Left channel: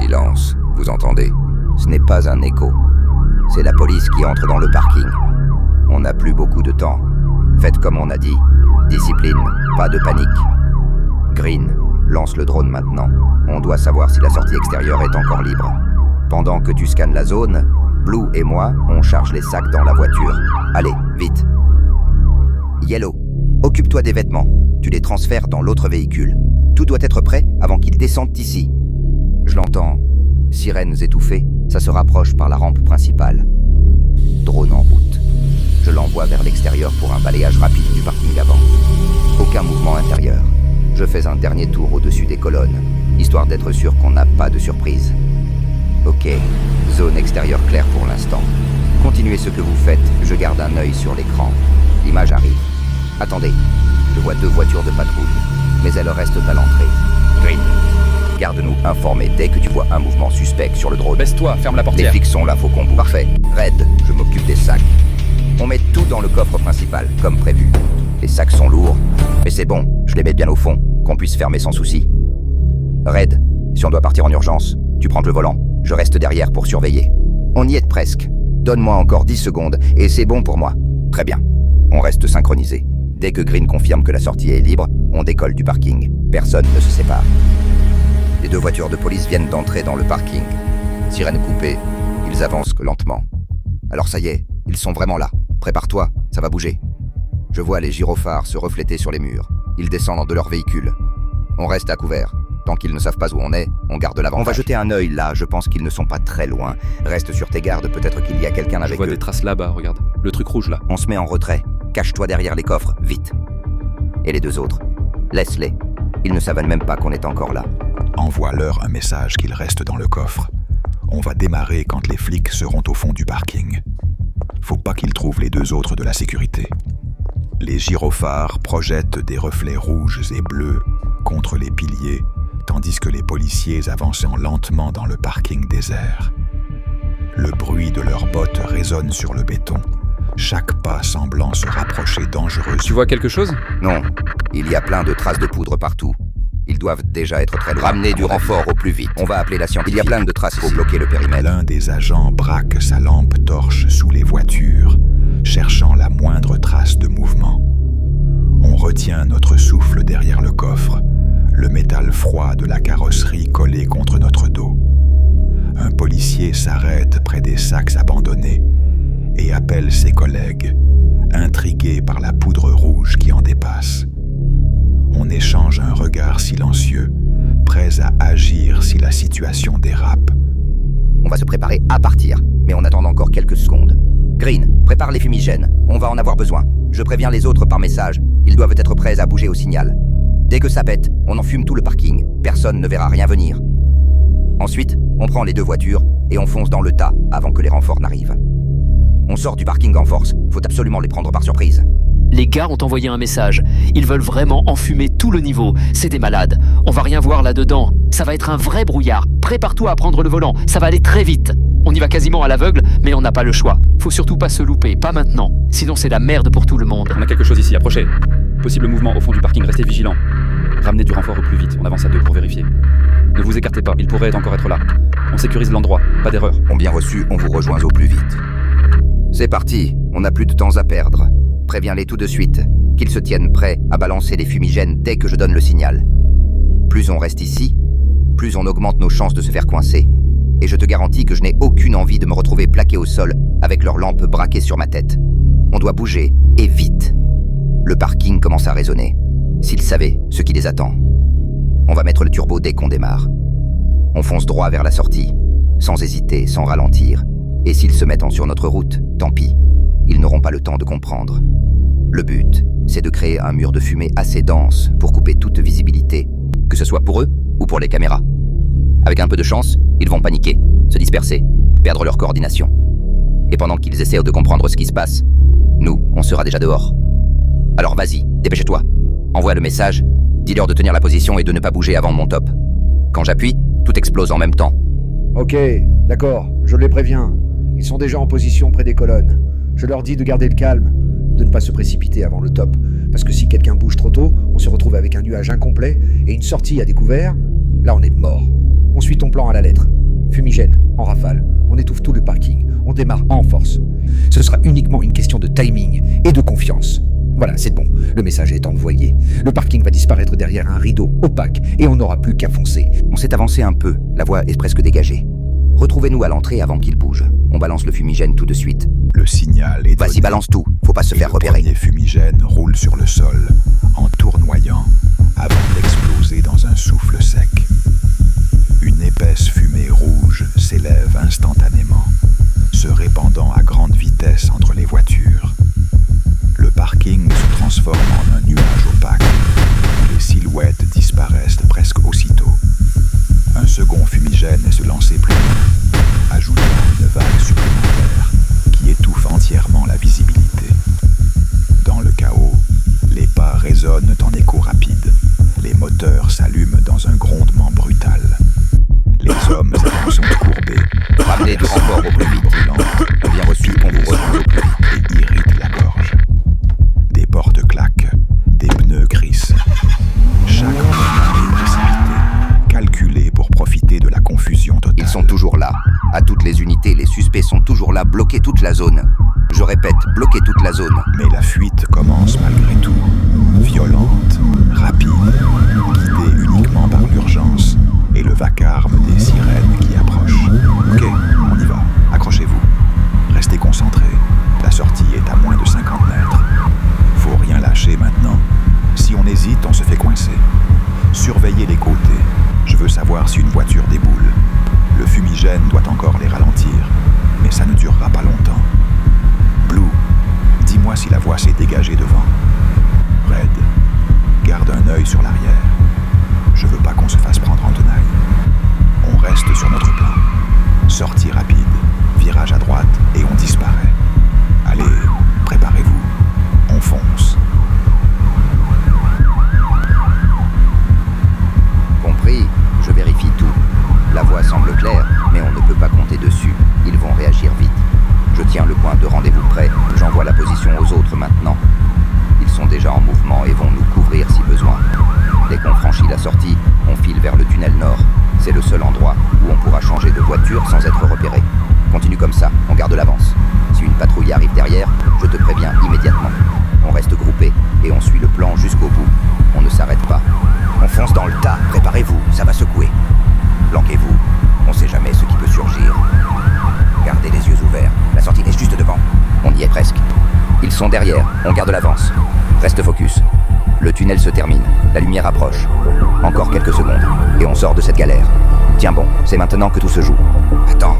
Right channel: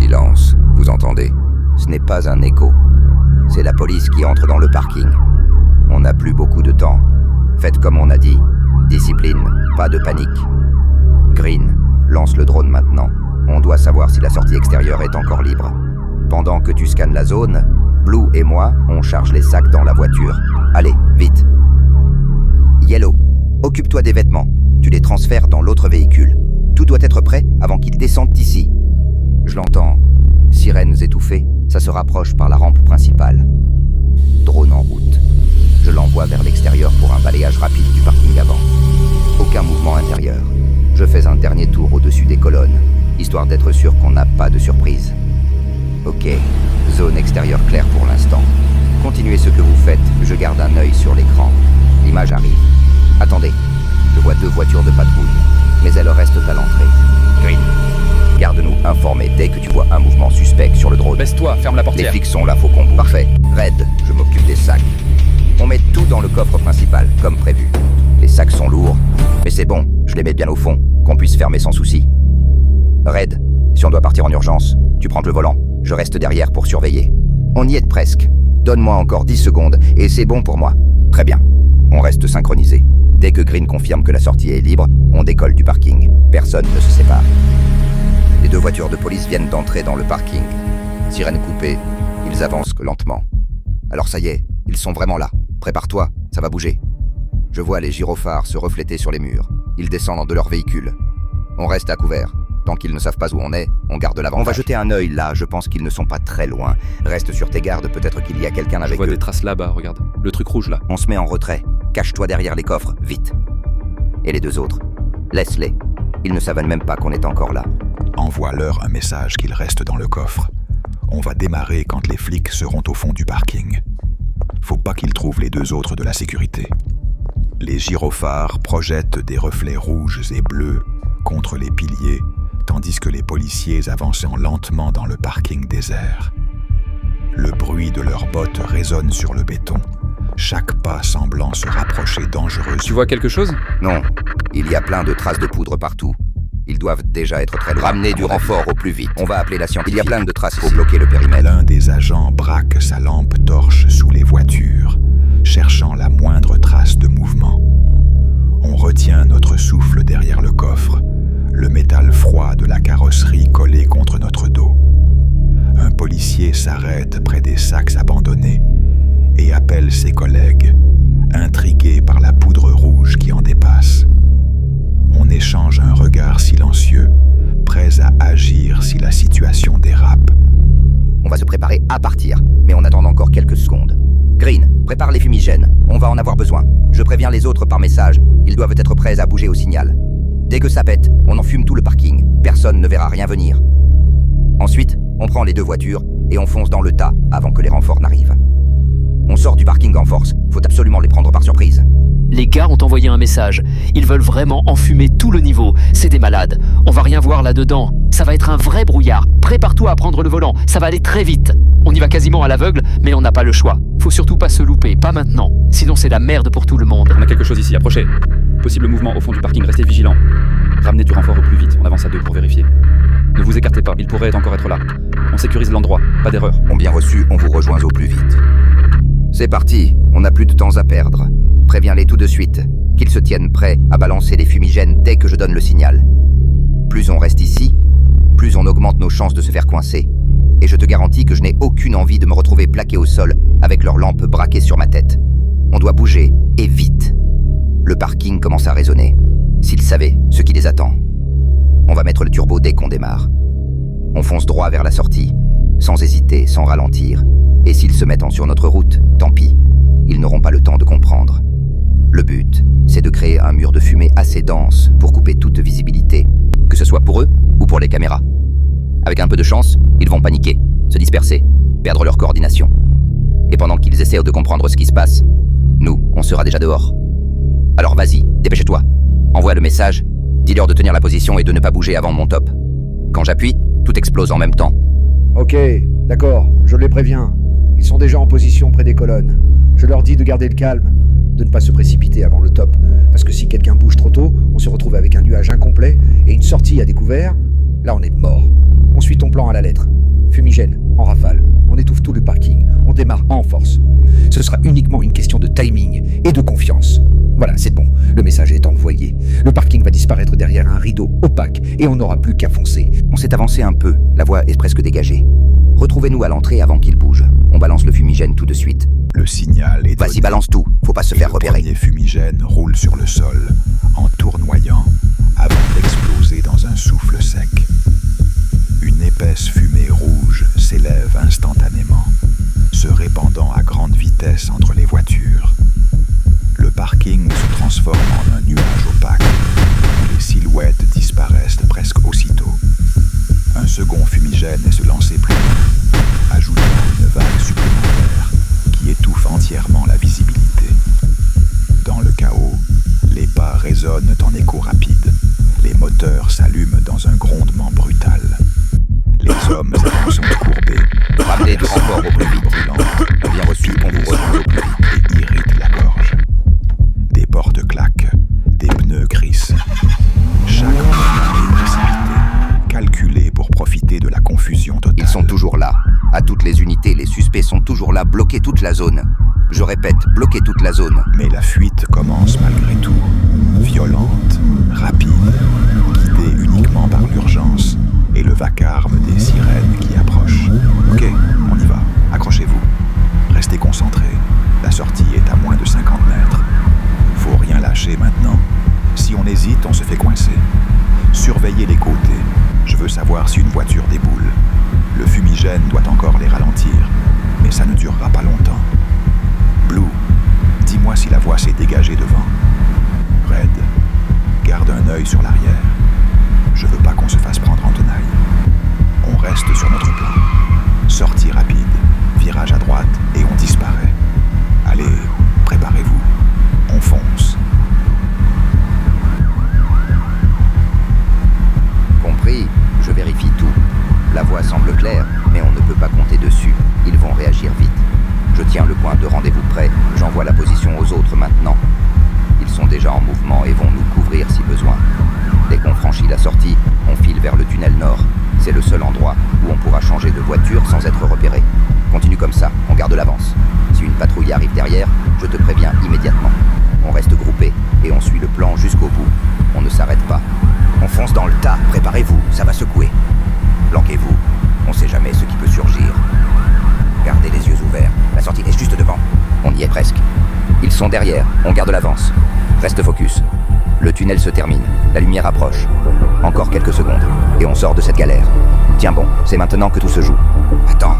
Silence, vous entendez? Ce n'est pas un écho. C'est la police qui entre dans le parking. On n'a plus beaucoup de temps. Faites comme on a dit. Discipline, pas de panique. Green, lance le drone maintenant. On doit savoir si la sortie extérieure est encore libre. Pendant que tu scannes la zone, Blue et moi, on charge les sacs dans la voiture. Allez, vite. Yellow, occupe-toi des vêtements. Tu les transfères dans l'autre véhicule. Tout doit être prêt avant qu'ils descendent ici. Je l'entends. Sirènes étouffées, ça se rapproche par la rampe principale. Drone en route. Je l'envoie vers l'extérieur pour un balayage rapide du parking avant. Aucun mouvement intérieur. Je fais un dernier tour au-dessus des colonnes, histoire d'être sûr qu'on n'a pas de surprise. Ok, zone extérieure claire pour l'instant. Continuez ce que vous faites, je garde un œil sur l'écran. L'image arrive. Attendez, je vois 2 voitures de patrouille, mais elles restent à l'entrée. Green, garde-nous informés dès que tu vois un mouvement suspect sur le drone. Baisse-toi, ferme la portière. Les flics sont là, faut qu'on bouge. Parfait. Red, je m'occupe des sacs. On met tout dans le coffre principal, comme prévu. Les sacs sont lourds, mais c'est bon, je les mets bien au fond, qu'on puisse fermer sans souci. Red, si on doit partir en urgence, tu prends le volant, je reste derrière pour surveiller. On y est presque. Donne-moi encore 10 secondes, et c'est bon pour moi. Très bien. On reste synchronisés. Dès que Green confirme que la sortie est libre, on décolle du parking. Personne ne se sépare. Les 2 voitures de police viennent d'entrer dans le parking. Sirène coupée, ils avancent lentement. Alors ça y est, ils sont vraiment là. Prépare-toi, ça va bouger. Je vois les gyrophares se refléter sur les murs. Ils descendent de leur véhicule. On reste à couvert. Tant qu'ils ne savent pas où on est, on garde l'avantage. On va jeter un œil là, je pense qu'ils ne sont pas très loin. Reste sur tes gardes, peut-être qu'il y a quelqu'un avec eux. Je vois des traces là-bas, regarde. Le truc rouge là. On se met en retrait. Cache-toi derrière les coffres, vite. Et les 2 autres, laisse-les. Ils ne savent même pas qu'on est encore là. Envoie-leur un message qu'ils restent dans le coffre. On va démarrer quand les flics seront au fond du parking. Faut pas qu'ils trouvent les 2 autres de la sécurité. Les gyrophares projettent des reflets rouges et bleus contre les piliers, tandis que les policiers avancent lentement dans le parking désert. Le bruit de leurs bottes résonne sur le béton, chaque pas semblant se rapprocher dangereusement. Tu vois quelque chose? Non, il y a plein de traces de poudre partout. Ils doivent déjà être très loin. Ramenez du renfort au plus vite. On va appeler la scientifique. Il y a plein de traces pour bloquer le périmètre. L'un des agents braque sa lampe torche sous les voitures, cherchant la moindre trace de mouvement. On retient notre souffle derrière le coffre, le métal froid de la carrosserie collé contre notre dos. Un policier s'arrête près des sacs abandonnés et appelle ses collègues, intrigués par la poudre rouge qui en dépasse. On échange un regard silencieux, prêts à agir si la situation dérape. On va se préparer à partir, mais on attend encore quelques secondes. Green, prépare les fumigènes, on va en avoir besoin. Je préviens les autres par message, ils doivent être prêts à bouger au signal. Dès que ça pète, on enfume tout le parking, personne ne verra rien venir. Ensuite, on prend les 2 voitures et on fonce dans le tas avant que les renforts n'arrivent. On sort du parking en force, faut absolument les prendre par surprise. Les gars ont envoyé un message. Ils veulent vraiment enfumer tout le niveau. C'est des malades. On va rien voir là-dedans. Ça va être un vrai brouillard. Prépare-toi à prendre le volant. Ça va aller très vite. On y va quasiment à l'aveugle, mais on n'a pas le choix. Faut surtout pas se louper, pas maintenant. Sinon c'est la merde pour tout le monde. On a quelque chose ici, approchez. Possible mouvement au fond du parking, restez vigilants. Ramenez du renfort au plus vite, on avance à 2 pour vérifier. Ne vous écartez pas, il pourrait encore être là. On sécurise l'endroit, pas d'erreur. On bien reçu, on vous rejoint au plus vite. C'est parti, on n'a plus de temps à perdre. Préviens-les tout de suite, qu'ils se tiennent prêts à balancer les fumigènes dès que je donne le signal. Plus on reste ici, plus on augmente nos chances de se faire coincer. Et je te garantis que je n'ai aucune envie de me retrouver plaqué au sol avec leurs lampes braquées sur ma tête. On doit bouger, et vite. Le parking commence à résonner. S'ils savaient ce qui les attend. On va mettre le turbo dès qu'on démarre. On fonce droit vers la sortie, sans hésiter, sans ralentir. Et s'ils se mettent sur notre route, tant pis. Ils n'auront pas le temps de comprendre. Le but, c'est de créer un mur de fumée assez dense pour couper toute visibilité, que ce soit pour eux ou pour les caméras. Avec un peu de chance, ils vont paniquer, se disperser, perdre leur coordination. Et pendant qu'ils essaient de comprendre ce qui se passe, nous, on sera déjà dehors. Alors vas-y, dépêche-toi. Envoie le message, dis-leur de tenir la position et de ne pas bouger avant mon top. Quand j'appuie, tout explose en même temps. Ok, d'accord, je les préviens. Ils sont déjà en position près des colonnes. Je leur dis de garder le calme, de ne pas se précipiter avant le top, parce que si quelqu'un bouge trop tôt, on se retrouve avec un nuage incomplet et une sortie à découvert, là on est mort. On suit ton plan à la lettre. Fumigène, en rafale. On étouffe tout le parking. On démarre en force. Ce sera uniquement une question de timing et de confiance. Voilà, c'est bon. Le message est envoyé. Le parking va disparaître derrière un rideau opaque et on n'aura plus qu'à foncer. On s'est avancé un peu, la voie est presque dégagée. Retrouvez-nous à l'entrée avant qu'il bouge. On balance le fumigène tout de suite. Le signal est donné. Vas-y, balance tout, faut pas se Et faire le repérer. premier fumigène roule sur le sol, en tournoyant, avant d'exploser dans un souffle sec. Une épaisse fumée rouge s'élève instantanément, se répandant à grande vitesse entre les voitures. Le parking se transforme en un nuage opaque, où les silhouettes disparaissent presque aussitôt. Un second fumigène est se lancer plus loin, ajoutant une vague supplémentaire qui étouffe entièrement la visibilité. Dans le chaos, les pas résonnent en écho rapide. Les moteurs s'allument dans un grondement brutal. Les hommes et femmes sont courbés. Ramenez du renfort au plus vite. Bien reçu, on vous retrouve au plus vite. Et irritent la gorge. Des portes claquent, des pneus crissent. Chaque mouvement est précipité, calculé pour profiter de la confusion totale. Ils sont toujours là. À toutes les unités, les suspects sont toujours là, bloqués toute la zone. Je répète, bloqués toute la zone. Mais la fuite commence malgré tout. Violente, rapide, guidée uniquement par l'urgence et le vacarme des sirènes qui approchent. Ok, on y va. Accrochez-vous. Restez concentrés. La sortie est à moins de 50 mètres. Faut rien lâcher maintenant. Si on hésite, on se fait coincer. Surveillez les côtés. Je veux savoir si une voiture déboule. Le fumigène doit encore les ralentir, mais ça ne durera pas longtemps. Blue, dis-moi si la voie s'est dégagée devant. Red, garde un œil sur l'arrière. Je veux pas qu'on se fasse prendre en tenaille. On reste sur notre plan. Sortie rapide, virage à droite et on disparaît. Allez, préparez-vous. On fonce. Compris, je vérifie tout. La voie semble claire, mais on ne peut pas compter dessus. Ils vont réagir vite. Je tiens le point de rendez-vous prêt. J'envoie la position aux autres maintenant. Ils sont déjà en mouvement et vont nous couvrir si besoin. Dès qu'on franchit la sortie, on file vers le tunnel nord. C'est le seul endroit où on pourra changer de voiture sans être repéré. Continue comme ça, on garde l'avance. Si une patrouille arrive derrière, je te préviens immédiatement. On reste groupé et on suit le plan jusqu'au bout. On ne s'arrête pas. On fonce dans le tas, préparez-vous, ça va secouer. Planquez-vous, on sait jamais ce qui peut surgir. Gardez les yeux ouverts, la sortie est juste devant. On y est presque. Ils sont derrière, on garde l'avance. Reste focus. Le tunnel se termine, la lumière approche. Encore quelques secondes, et on sort de cette galère. Tiens bon, c'est maintenant que tout se joue. Attends.